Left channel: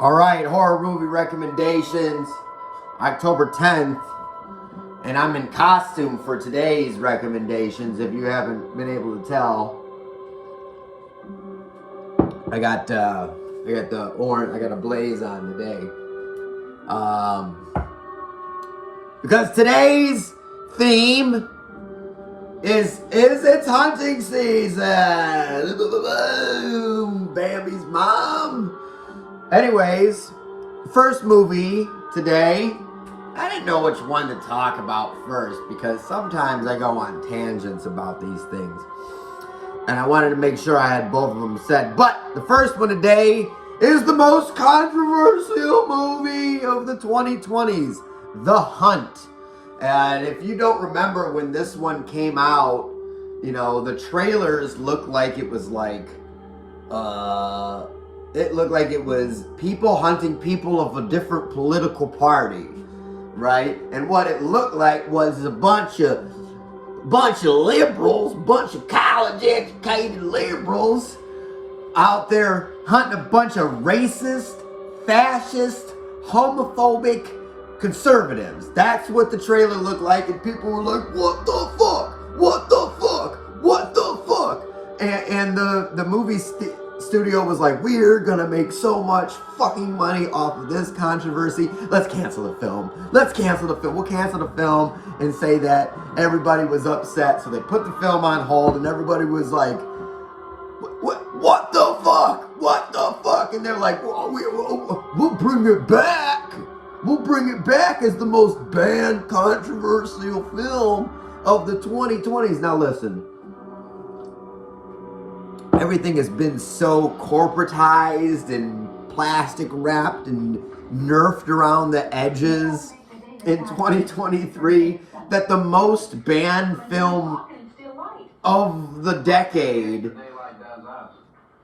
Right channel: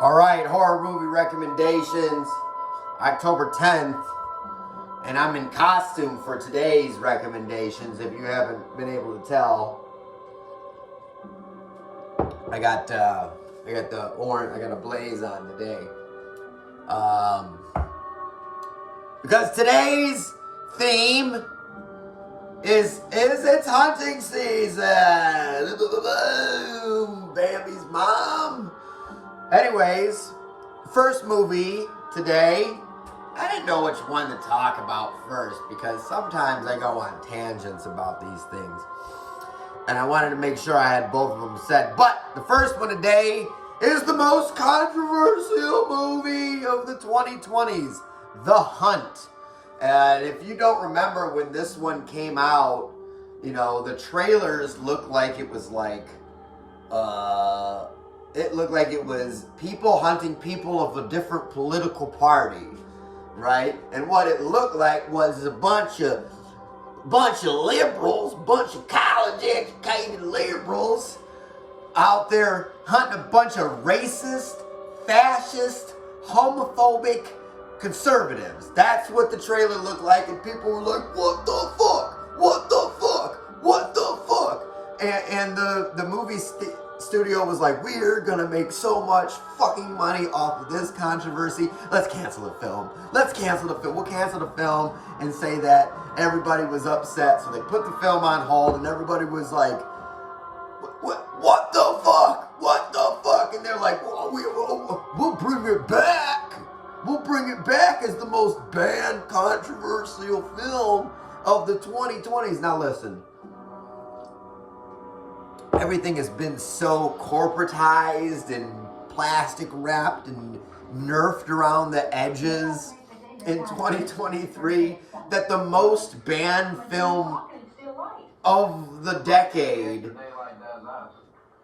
All right, horror movie recommendations, October 10th, and I'm in costume for today's recommendations. If you haven't been able to tell, I got the orange. I got a blaze on today, because today's theme is it's hunting season. Bambi's mom. Anyways, first movie today. I didn't know which one to talk about first because sometimes I go on tangents about these things. And I wanted to make sure I had both of them said. But the first one today is the most controversial movie of the 2020s, The Hunt. And if you don't remember when this one came out, you know, the trailers looked like it was like, it looked like it was people hunting people of a different political party, right? And what it looked like was a bunch of liberals, bunch of college-educated liberals out there hunting a bunch of racist, fascist, homophobic conservatives. That's what the trailer looked like, and people were like, what the fuck? What the fuck? What the fuck? And the movie studio was like, we're gonna make so much fucking money off of this controversy. Let's cancel the film. Let's cancel the film. We'll cancel the film and say that everybody was upset. So they put the film on hold and everybody was like, what the fuck? What the fuck? And they're like, we'll bring it back. We'll bring it back as the most banned controversial film of the 2020s. Now listen. Everything has been so corporatized and plastic wrapped and nerfed around the edges in 2023 that the most banned film of the decade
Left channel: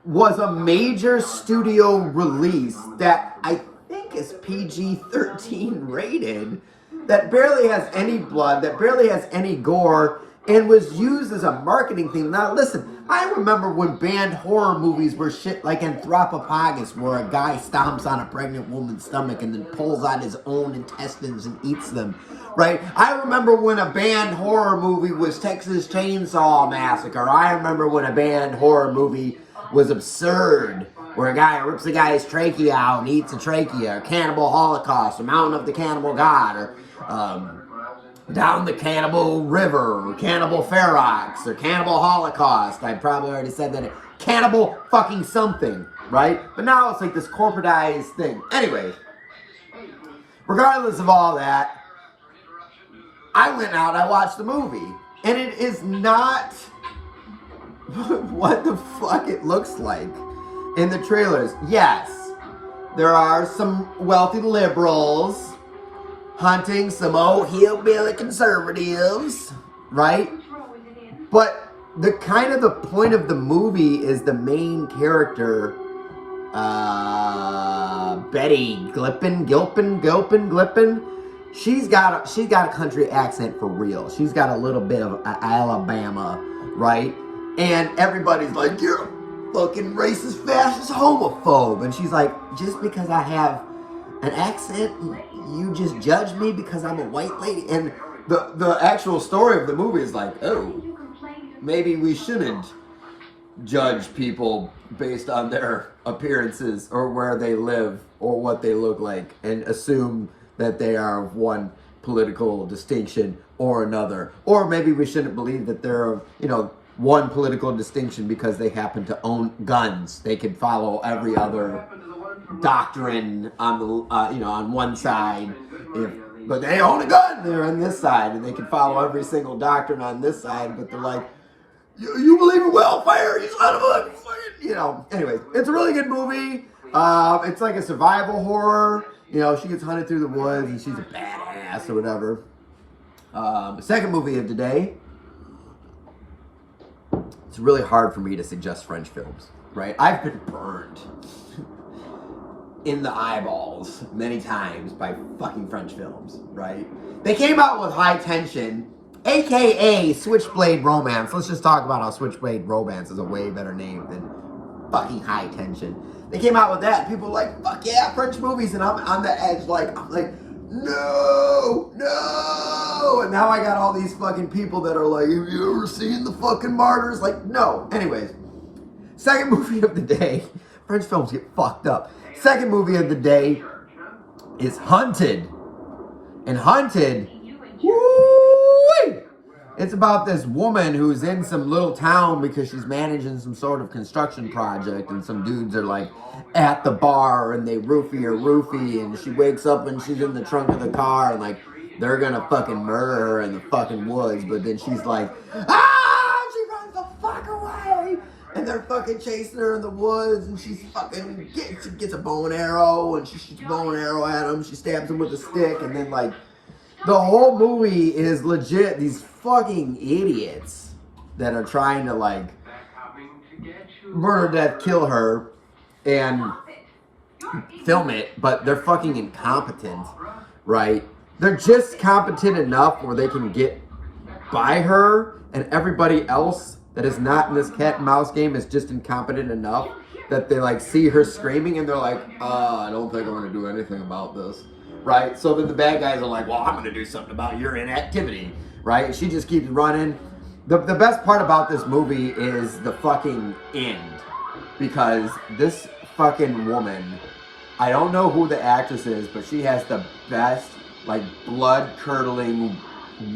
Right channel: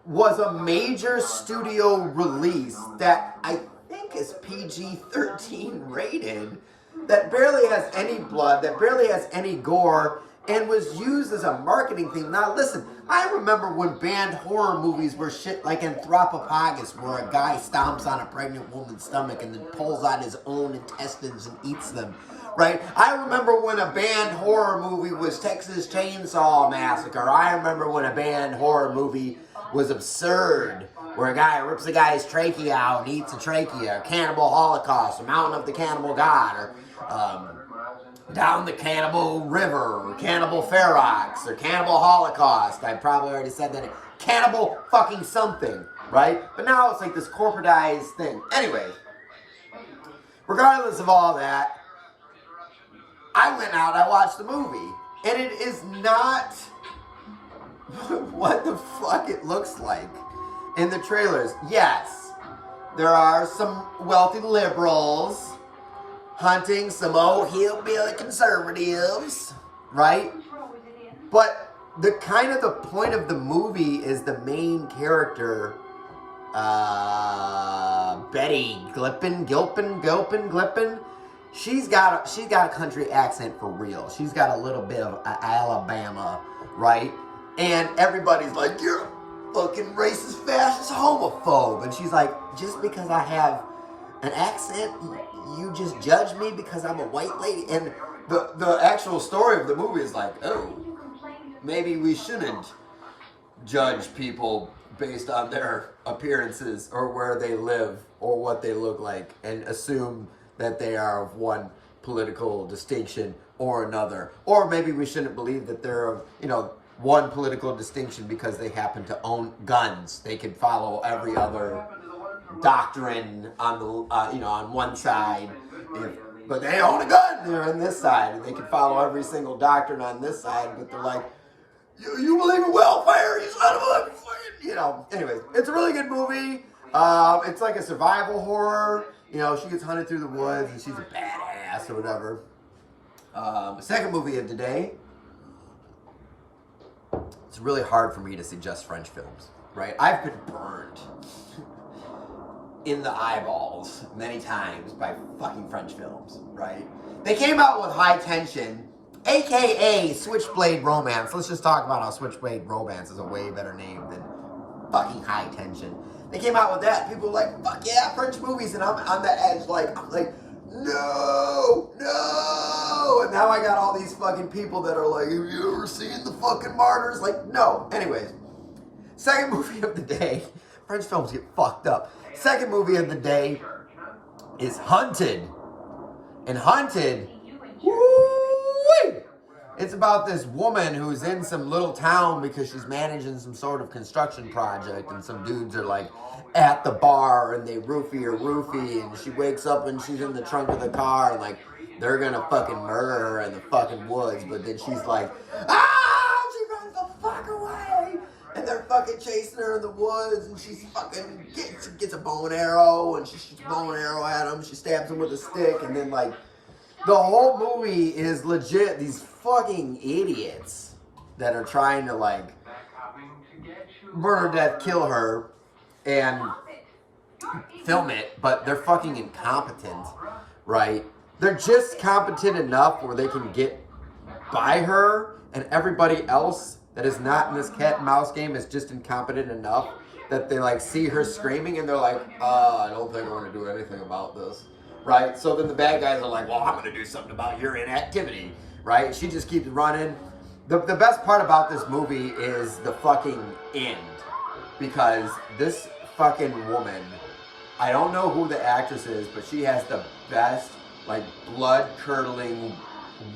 was a major studio release that I think is PG-13 rated, that barely has any blood, that barely has any gore, and was used as a marketing thing. Now listen, I remember when banned horror movies were shit like Anthropophagus, where a guy stomps on a pregnant woman's stomach and then pulls out his own intestines and eats them, right? I remember when a banned horror movie was Texas Chainsaw Massacre. I remember when a banned horror movie was Absurd, where a guy rips a guy's trachea out and eats a trachea, or Cannibal Holocaust, or Mountain of the Cannibal God, or Down the Cannibal River, or Cannibal Ferox, or Cannibal Holocaust. I probably already said that. Cannibal fucking something, right? But now it's like this corporatized thing. Anyways, regardless of all that, I went out, I watched the movie. And it is not what the fuck it looks like in the trailers. Yes, there are some wealthy liberals hunting some old hillbilly conservatives, right? But the point of the movie is the main character, Betty Gilpin. She's got a country accent for real. She's got a little bit of Alabama, right? And everybody's like, you're a fucking racist, fascist, homophobe. And she's like, just because I have an accent, you just judge me because I'm a white lady? And the actual story of the movie is like, oh, maybe we shouldn't judge people based on their appearances or where they live or what they look like and assume that they are of one political distinction or another. Or maybe we shouldn't believe that they're of, one political distinction because they happen to own guns. They could follow every other doctrine on the on one side, but they own a gun. They're on this side, and they can follow every single doctrine on this side. But they're like, you believe in welfare, you son of a fucking, Anyways, it's a really good movie. It's like a survival horror. She gets hunted through the woods, and she's a badass or whatever. The second movie of today. It's really hard for me to suggest French films, right? I've been burned in the eyeballs many times by fucking French films, right? They came out with High Tension, aka Switchblade Romance. Let's just talk about how Switchblade Romance is a way better name than fucking High Tension. They came out with that. People were like, fuck yeah, French movies. And I'm on the edge, I'm like, no, no. And now I got all these fucking people that are like, have you ever seen The fucking Martyrs? Like, no. Anyways, second movie of the day. French films get fucked up. Second movie of the day is Hunted. And Hunted, woo-wee, it's about this woman who's in some little town because she's managing some sort of construction project, and some dudes are like at the bar and they roofie her roofie, and she wakes up and she's in the trunk of the car and like they're gonna fucking murder her in the fucking woods, but then she's like, ah, she runs the fuck away, and they're fucking chasing her in the woods, and she's fucking gets a bow and arrow, and she shoots a bow and arrow at him, she stabs him with a stick, and then like the whole movie is legit these fucking idiots that are trying to like murder, death, kill her and film it, but they're fucking incompetent, right? They're just competent enough where they can get by her, and everybody else that is not in this cat and mouse game is just incompetent enough that they like see her screaming and they're like, I don't think I'm gonna do anything about this. Right? So then the bad guys are like, well, I'm going to do something about your inactivity. Right? And she just keeps running. The best part about this movie is the fucking end. Because this fucking woman, I don't know who the actress is, but she has the best, like, blood-curdling,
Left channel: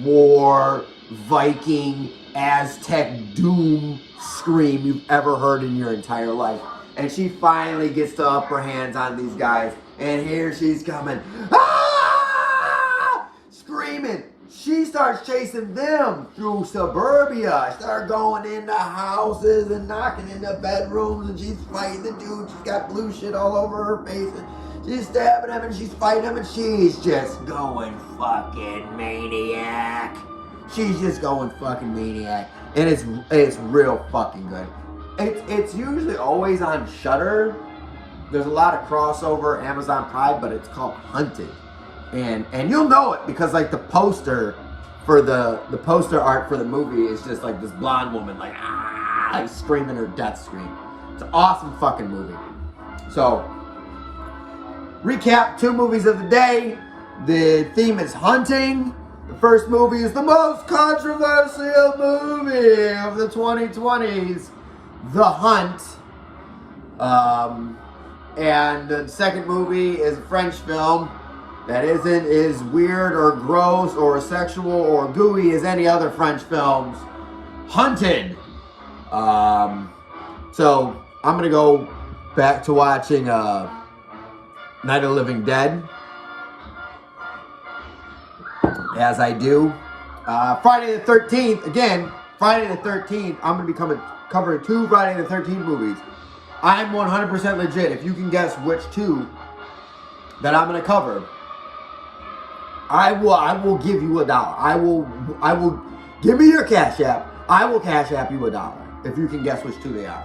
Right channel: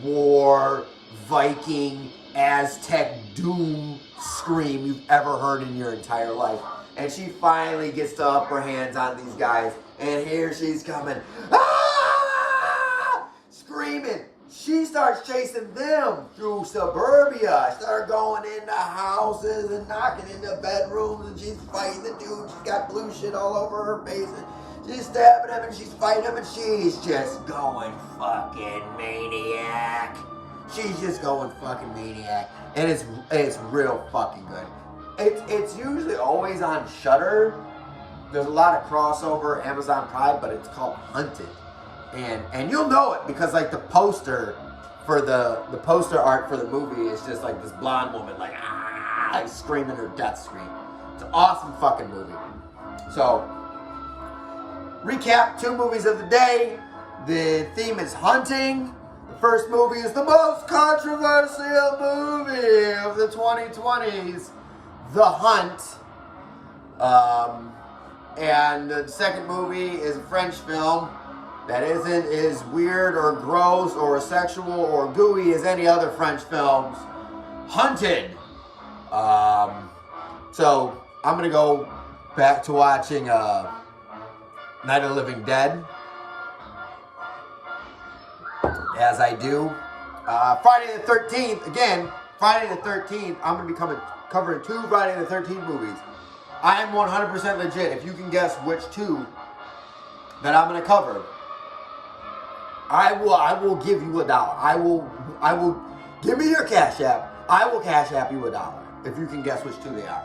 war, Viking, Aztec doom scream you've ever heard in your entire life. And she finally gets the upper hands on these guys. And here she's coming. Ah! Screaming. She starts chasing them through suburbia. Start going into houses and knocking into bedrooms. And she's fighting the dude. She's got blue shit all over her face. And she's stabbing him and she's fighting him. And she's just going fucking maniac. She's just going fucking maniac. And it's real fucking good. It's usually always on Shudder. There's a lot of crossover Amazon Prime, but it's called Hunted. And you'll know it because like the poster for the poster art for the movie is just like this blonde woman like screaming her death scream. It's an awesome fucking movie. So, recap, 2 movies of the day. The theme is hunting. The first movie is the most controversial movie of the 2020s, The Hunt. And the second movie is a French film that isn't as weird or gross or sexual or gooey as any other French films. Hunted. So I'm gonna go back to watching Night of the Living Dead, as I do. Friday the 13th, again, Friday the 13th, I'm gonna be covering 2 Friday the 13th movies. I'm 100% legit. If you can guess which 2 that I'm gonna cover, I will give you $1. I will give me your Cash App. I will Cash App you $1 if you can guess which 2 they are.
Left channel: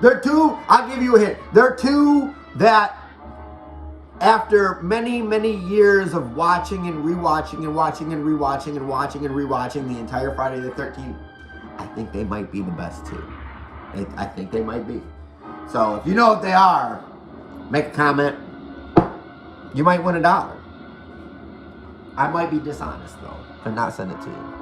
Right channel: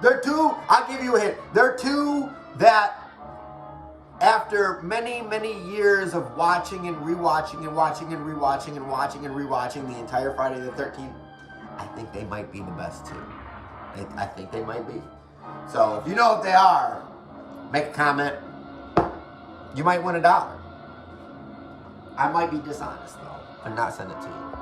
They're 2. I'll give you a hint. They're 2 that, after many, many years of watching and rewatching and watching and rewatching and watching and rewatching the entire Friday the 13th, I think they might be the best 2. I think they might be. So if you know if they are, make a comment. You might win $1. I might be dishonest though, and not send it to you.